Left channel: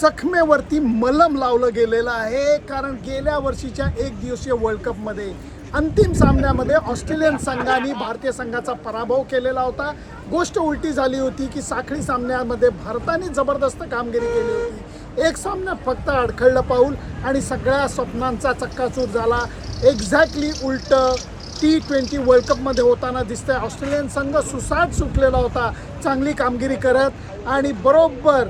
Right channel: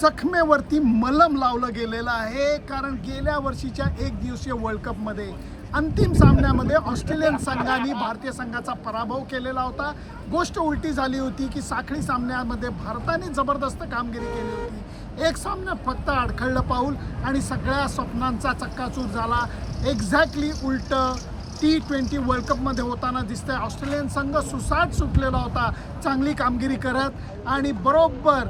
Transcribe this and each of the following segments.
जखमेवरती मलम लावलं गेलेलं आहे. कारण गेल्या वर्षीच्या एक दिवसीय वर्ल्ड कपमध्ये अंतिम सामन्यामध्ये ऑस्ट्रेलियन संघाने भारतीय संघाचा पराभव केलेला होता. गोष्ट उलटी झाली होती की साखळी सामन्यामध्ये भारताने जबरदस्त कामगिरी केली होती. एक सामन्यात फक्त अडखळलं पाऊल आणि सगळ्या स्वप्नांचा चक्काचूर झाला. एक्झॅक्टली उलटं T20 वर्ल्ड कपमध्ये होताना दिसतंय. ऑस्ट्रेलियन संघ सुसाट सुटलेला होता चांगली कामगिरी करत आणि बरोबर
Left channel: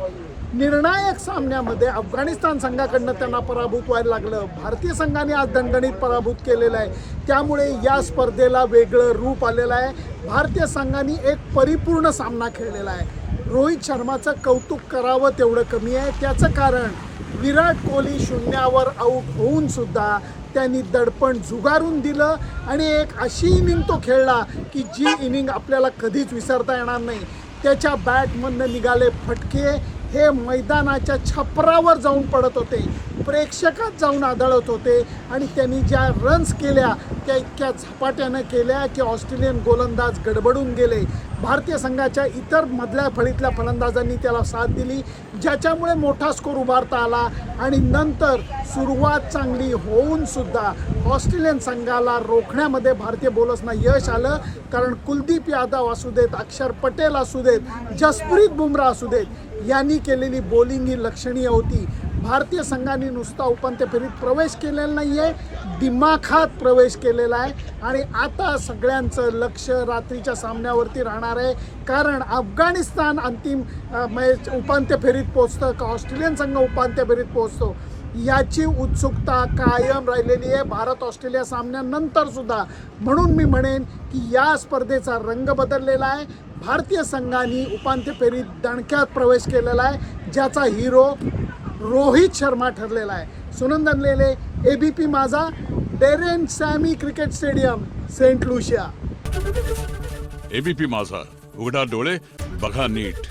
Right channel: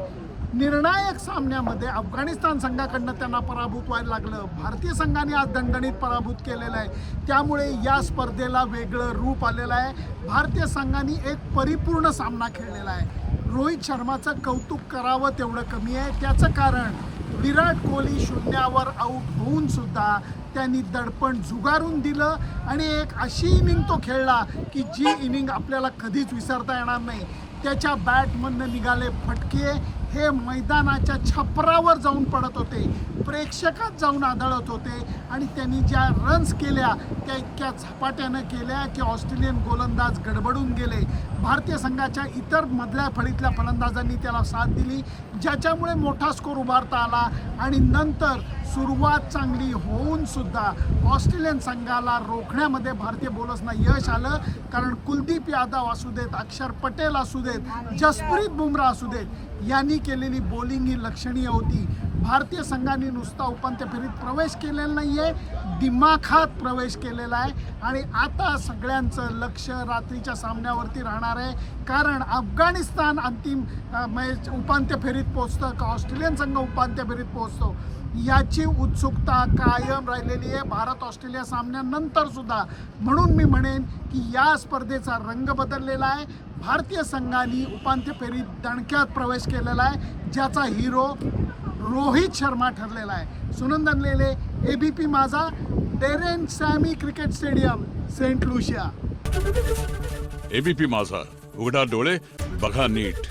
निर्णायक सामन्यामध्ये अफगाणिस्तान संघाकडनं त्यांना पराभूत व्हायला लागलं. भारतीय संघाने आज दणदणीत पराभूत केलेलं आहे. त्यामुळे या स्पर्धेला वेगळं रूप आलेलं आहे. भारतीय संघाने एक परिपूर्ण सामना खेळलेला आहे. रोहित शर्माचं कौतुक करावं तेवढं कमी आहे. त्याचं कारण विराट कोहली शून्यावर आऊट होऊन सुद्धा त्यांनी दडपण झुगारून दिलं आणि एक अशी इनिंग तो खेळला की जी इनिंग आपल्याला कधीच विसरता येणार नाही. त्याच्या बॅटमधनं निघाले फटके हे मैदानाच्या छपरावर जाऊन पडत होते, प्रेक्षकात जाऊन आदळत होते आणि त्यांनी ज्या रन्स केल्या त्या इतक्या झपाट्यानं केल्या की ऑस्ट्रेलियन गोलंदाज गडबडून गेले. भारतीय संघाच्या इतर मधल्या फळीतल्या फलंदाजांनी त्याला साथ दिली, ज्याच्यामुळे मोठा स्कोर उभारता आला आणि नंतर सुरुवात चांगली होऊन सुद्धा ऑस्ट्रेलियन संघाला रोखण्यामध्ये भारतीय बॉलर्सना यश आलं. कारण कुलदीप यादव असू देत, अक्षर पटेल असू देत, जसप्रीत बुमराह असू देत, यांनी केलेली बॉलिंग ही लक्षणीय होती. भारतीय संघाने नुसता उपांत्य फेरीत प्रवेश केलेला नाही आहे, दिमाखात प्रवेश केलेला आहे आणि आता सगळ्यांचं लक्ष रात्रीच्या सामन्यावरती राहणार आहे. कारण अफगाणिस्तान अंतिम उपांत्य फेरीत पोचतं का ऑस्ट्रेलियन संघ उपांत्य फेरीत पोचतो याची उत्सुकता कायम राहिलेली आहे भारत ऑस्ट्रेलिया सामन्यानंतर सुद्धा. म्हणून मी म्हणेन की या स्पर्धेचा रंग बदललेला आहे. भारतीय संघाने उपांत्य फेरीत दणक्यात प्रवेश केलेला आहे, ज्याचा हिरो रोहित शर्मा ठरलेला आहे. Sunandan Lele, ABP Majha, Daren Sammy cricket stadium, Saint Lucia. ABP Majha, उघडा डोळे बघा नीट.